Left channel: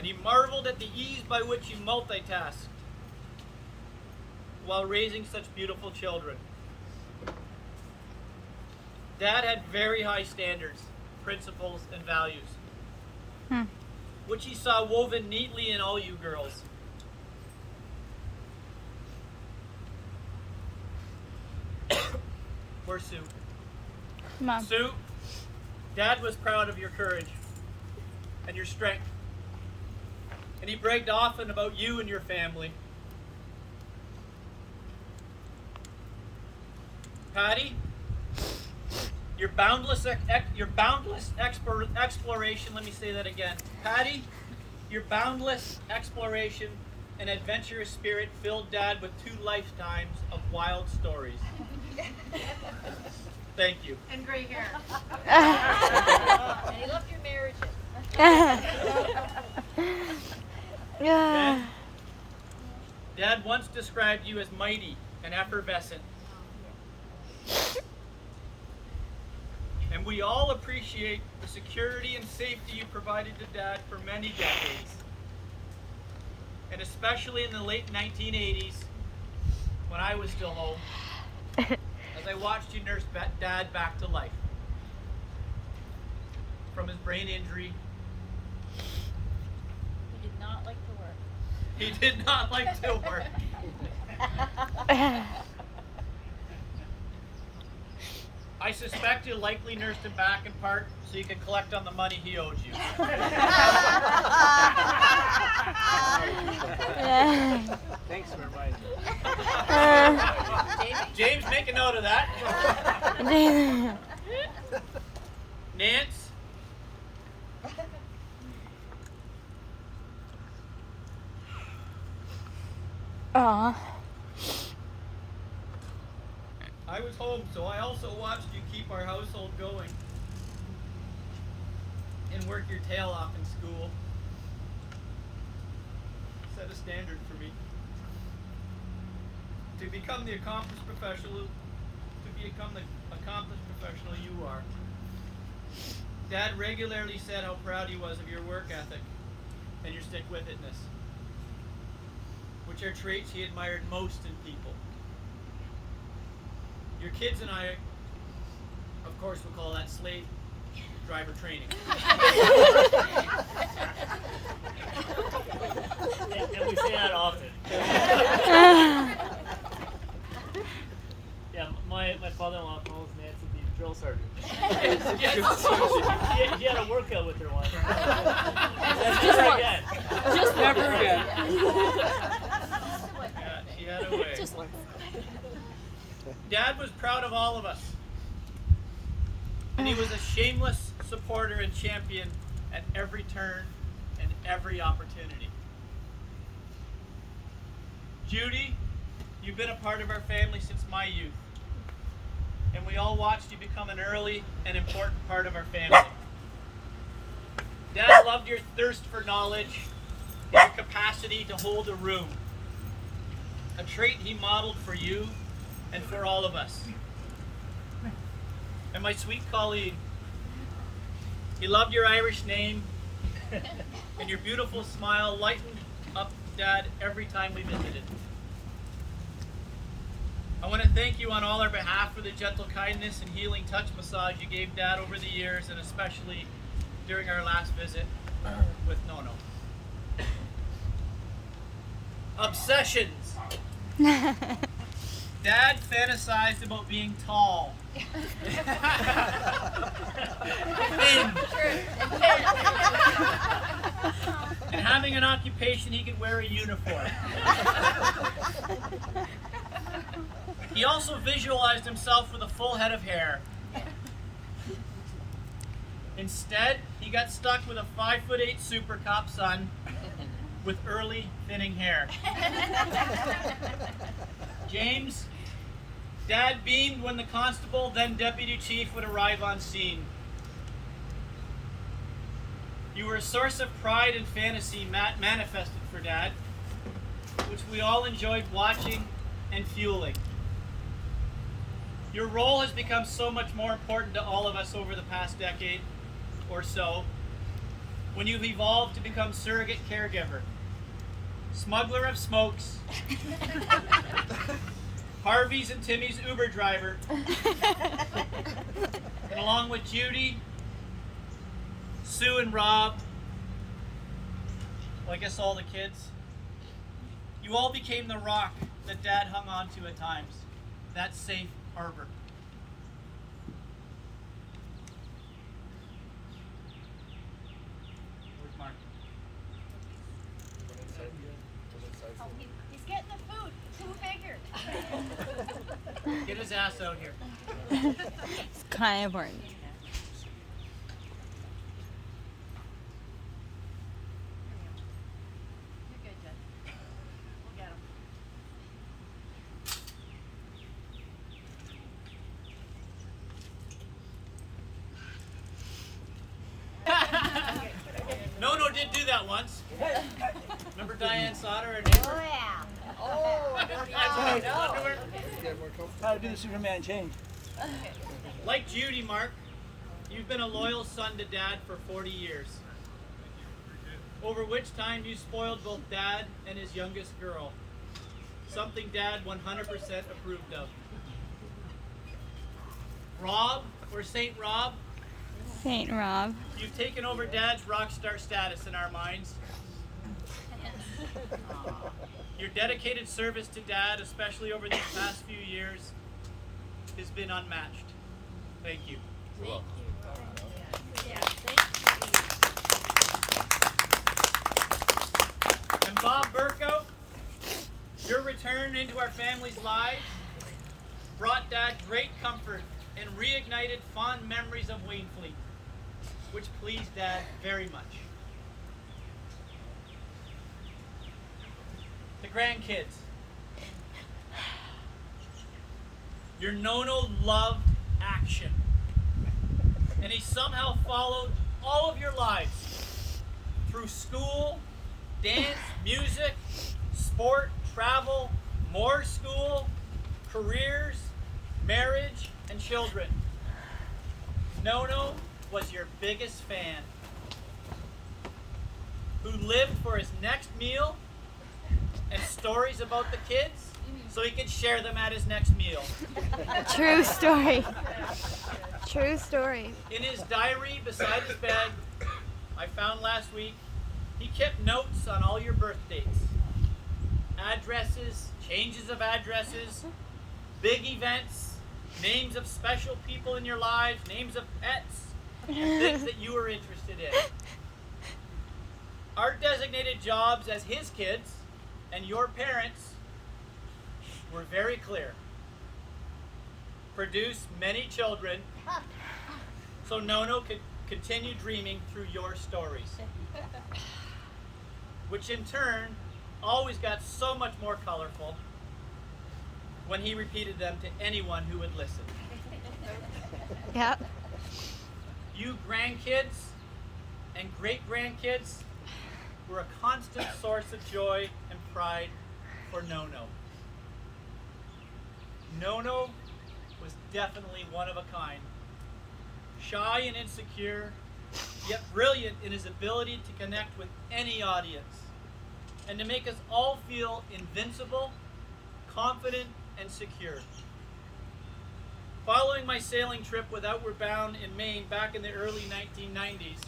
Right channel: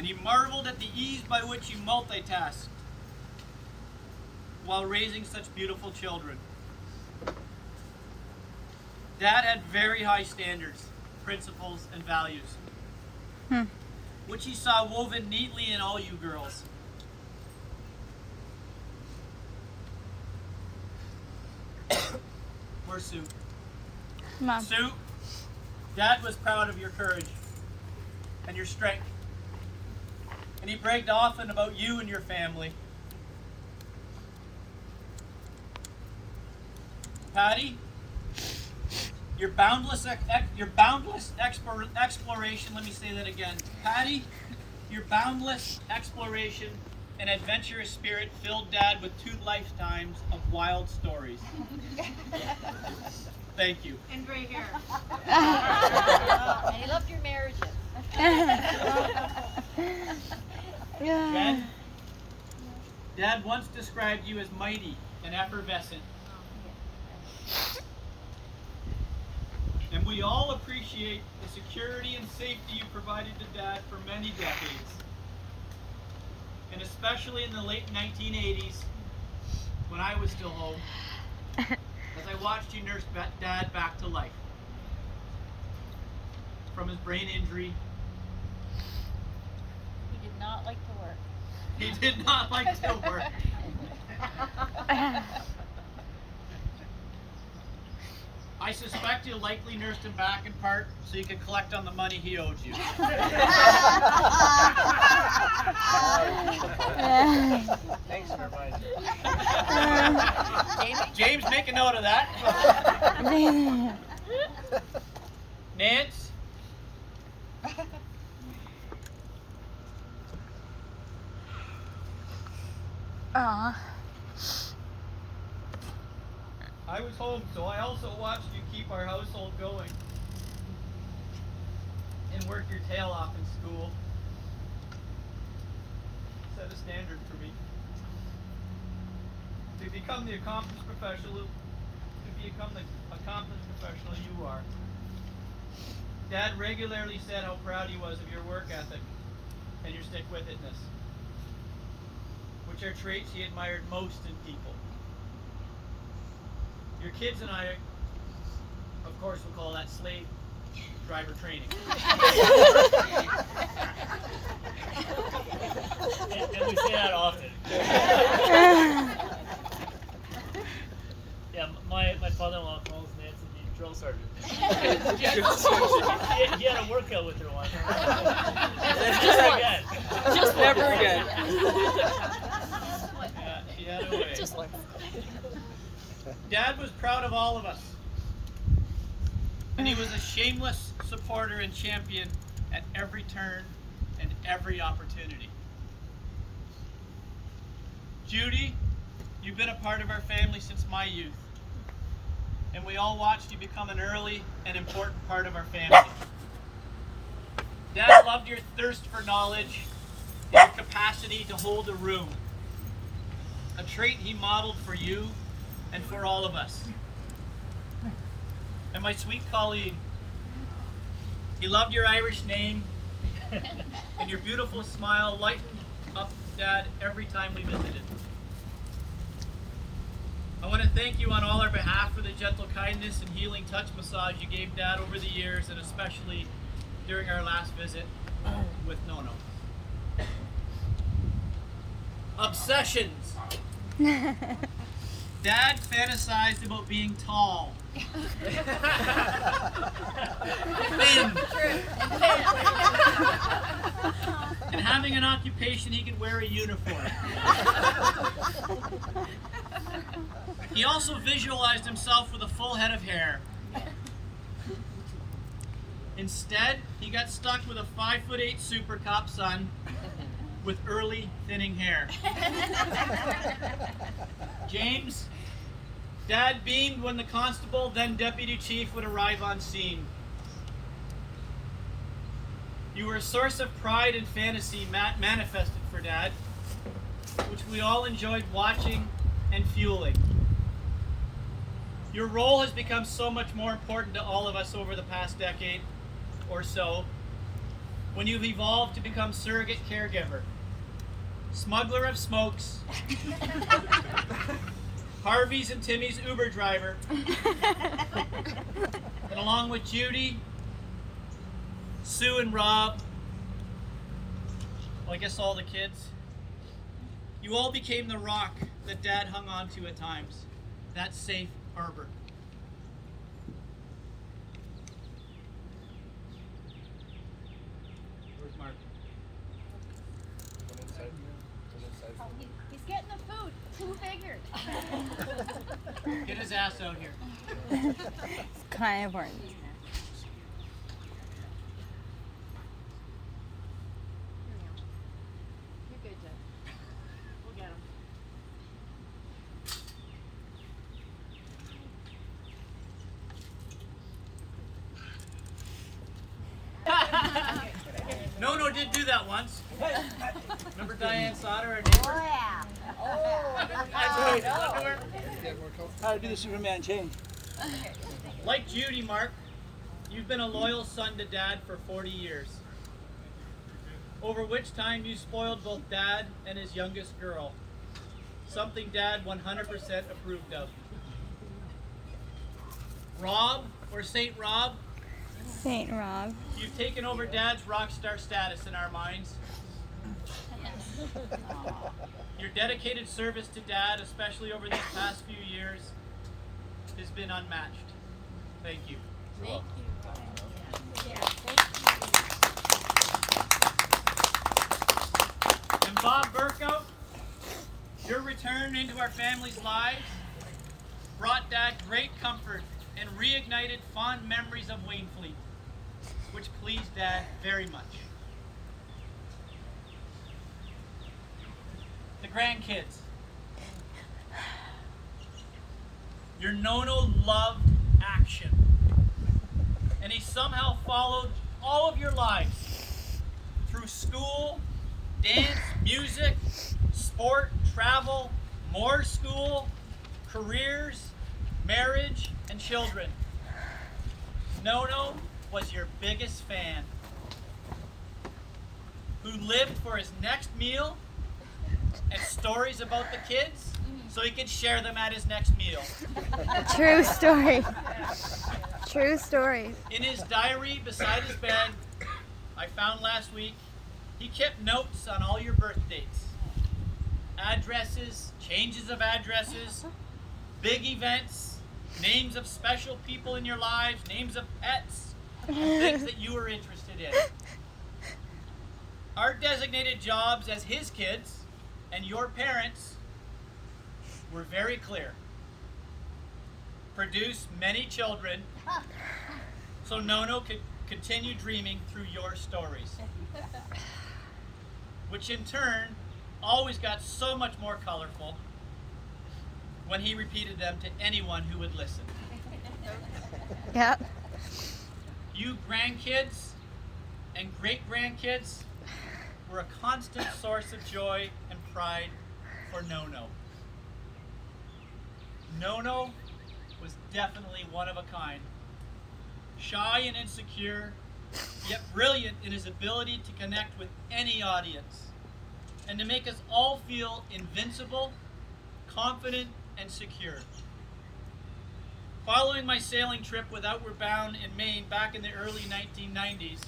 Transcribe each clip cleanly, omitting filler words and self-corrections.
and he marveled at the ease by which you multitasked while raising such beautiful children. Dad had very high standards, principles, and values, which he saw woven neatly in all you girls. Where's Sue? Mom. Sue, Dad was proud of your courage and your strength. And he bragged often about you and your family. Patty, your boundless exploration, let me say that again. Patty, your boundless exploration and adventurous spirit filled Dad with 2 lifetimes of wild stories. Thank you. And gray hair. And he loved your marriages. Ben, Dad once described you as mighty and effervescent. And we all appreciate the security and safety you provided to Dad for many decades. And especially in the late 1980s, when I was still home, as I watched you nurse Dad back to life from his brain injury. He did not like to work. He did not like to work. I suspect you likely nursed him back in part so you can collect on the money he owed you. Thanks for reminding me. James, make a note of that. Nance? Aw. I was home, so I also watched you keep our household going and work your tail off in school. Set a standard for me. To become the accomplished professional you are. Dad regularly said how proud he was of your work ethic and your stick-with-itness, which are traits he admired most in people. Your kids and I, of course, will call that slave driver training. And we say that often. Yeah, my father-in-law calls Nancy the drill sergeant. he had a workout with her once. Never again. Just never again. Yeah, she had a way. Just once. Dad was proud of all of us. And he was a shameless supporter and champion at every turn and every opportunity. Judy, you've been a part of our family since my youth. And we all watched you become an early and important part of our family. Dad loved your thirst for knowledge and your capacity to hold a room. A trait he modeled for you and for all of us. And my sweet colleague, he loved your Irish name and your beautiful smile lightened up Dad every time we visited. I want to thank you on all our behalf for the gentle kindness and healing touch massage you gave Dad over the years, and especially during our last visit with Nono. Obsessions. Dad fantasized about being tall. Thin. And having an occupation he could wear a uniform. He also visualized himself with a full head of hair. Instead, he got stuck with a 5'8" super cop son with early thinning hair. James, Dad beamed when the constable, then deputy chief, would arrive on scene. You were a source of pride and fantasy manifested for Dad, which we all enjoyed watching and fueling. Your role has become so much more important to all of us over the past decade or so, when you've evolved to become surrogate caregiver, smuggler of smokes, Harvey's and Timmy's Uber driver, and along with Judy, Sue and Rob, well, I guess all the kids, you all became the rock that Dad hung on to at times, that safe harbor. Where's Mark? Oh, he's getting the food. Who figured? Get his ass out here. It's kind of important. You're good, Jen. We'll get him. No did do that once. Remember Diane Sauter, our neighbor? yeah. That's underwear. How to do the Superman change. Like Judy, Mark, you've been a loyal son to Dad for 40 years. Over which time you spoiled both Dad and his youngest girl. Something Dad 100% approved of. Rob, or Saint Rob, Saint Rob. you've taken over Dad's rock star status in our minds. Your dedicated service to Dad, especially over these past few years, has been unmatched. Thank you. Thank you. And Bob Burko, your return into our family's lives brought Dad great comfort and reignited fond memories of Waynfleet, which pleased Dad very much. The grandkids. Your Nono loved action, and he somehow followed all of your lives through school, dance, music, sport, travel, more school, careers, marriage, and children. Nono was your biggest fan, who lived for his next meal and stories about the kids so he could share them at his next meal. True story. True story. In his diary beside his bed, I found last week, he kept notes on all your birth dates, addresses, changes of addresses, big events, names of special people in your lives, names of pets, and things that you were interested in. Our designated jobs as his kids and your parents were very clear. Produce many children so Nono could continue dreaming through your stories, which in turn always got so much more colorful when he repeated them to anyone who would listen. Yep. You grandkids and great-grandkids were a constant source of joy and pride for Nono. Nono was definitely one of a kind. Shy and insecure, yet brilliant in his ability to connect with any audience and to make us all feel invincible, confident, and secure. Following my sailing trip with Outward Bound in Maine back in the early 1990s,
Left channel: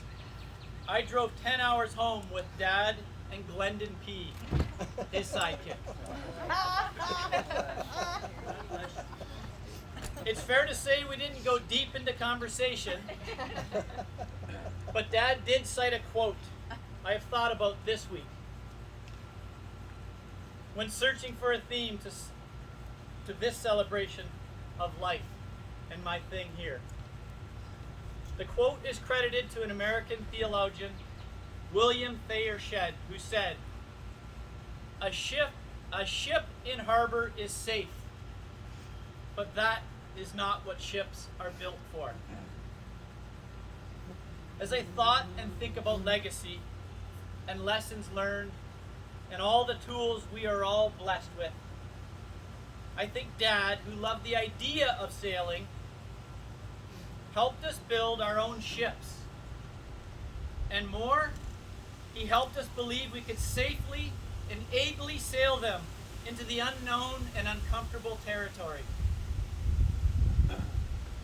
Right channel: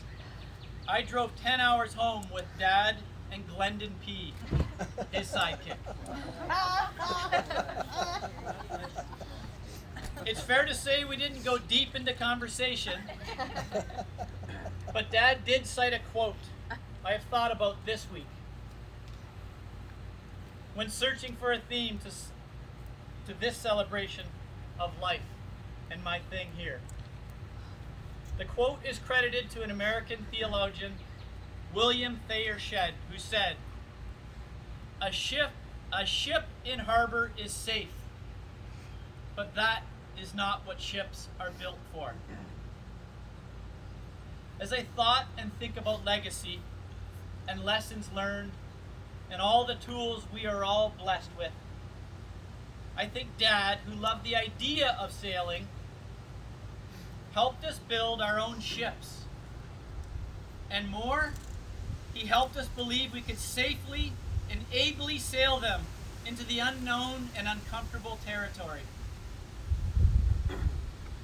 I drove 10 hours home with Dad and Glendon P., his sidekick. It's fair to say we didn't go deep into conversation, but Dad did cite a quote I have thought about this week when searching for a theme to this celebration of life and my thing here. The quote is credited to an American theologian, William Thayer Shedd, who said, a ship in harbor is safe, but that is not what ships are built for. As I thought and think about legacy and lessons learned and all the tools we are all blessed with, I think Dad, who loved the idea of sailing, helped us build our own ships and more, he helped us believe we could safely and ably sail them into the unknown and uncomfortable territory.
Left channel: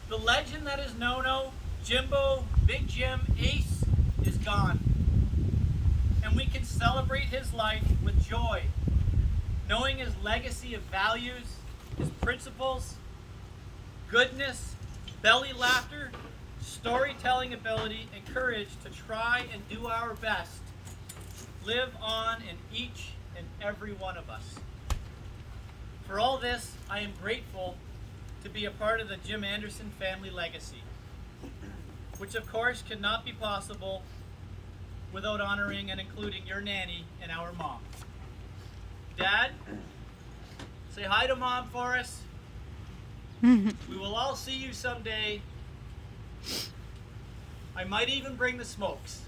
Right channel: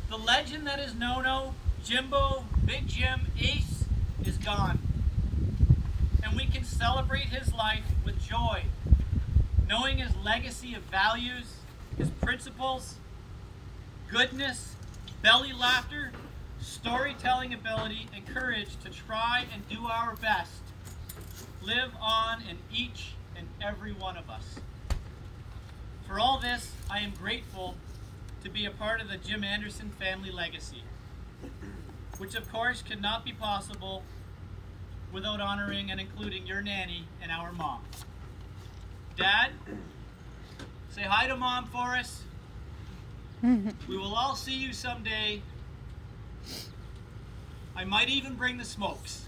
The legend that is Nono, Jimbo, Big Jim, Ace is gone. And we can celebrate his life with joy, knowing his legacy of values, his principles, goodness, belly laughter, storytelling ability, and courage to try and do our best live on in each and every one of us. For all this, I am grateful to be a part of the Jim Anderson family legacy, which of course could not be possible without honoring and including your nanny and our mom. Dad, say hi to Mom for us. We will all see you someday. I might even bring the smokes.